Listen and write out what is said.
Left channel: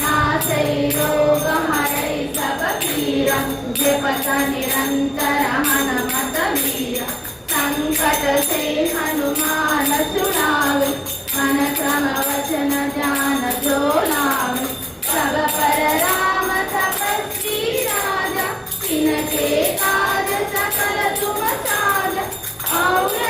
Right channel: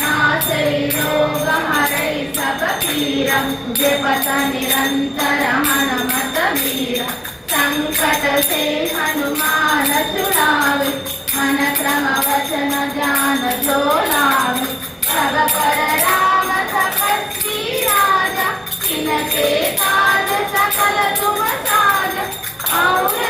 नाशै रोग हरै सब पीरा जपत निरंतर हनुमत वीरा संकट से हनुमान छुड़ावे मन क्रम वचन ध्यान जो लावे सब पर राम तपस्वी राजा तिनके काज सकल तुम साजा और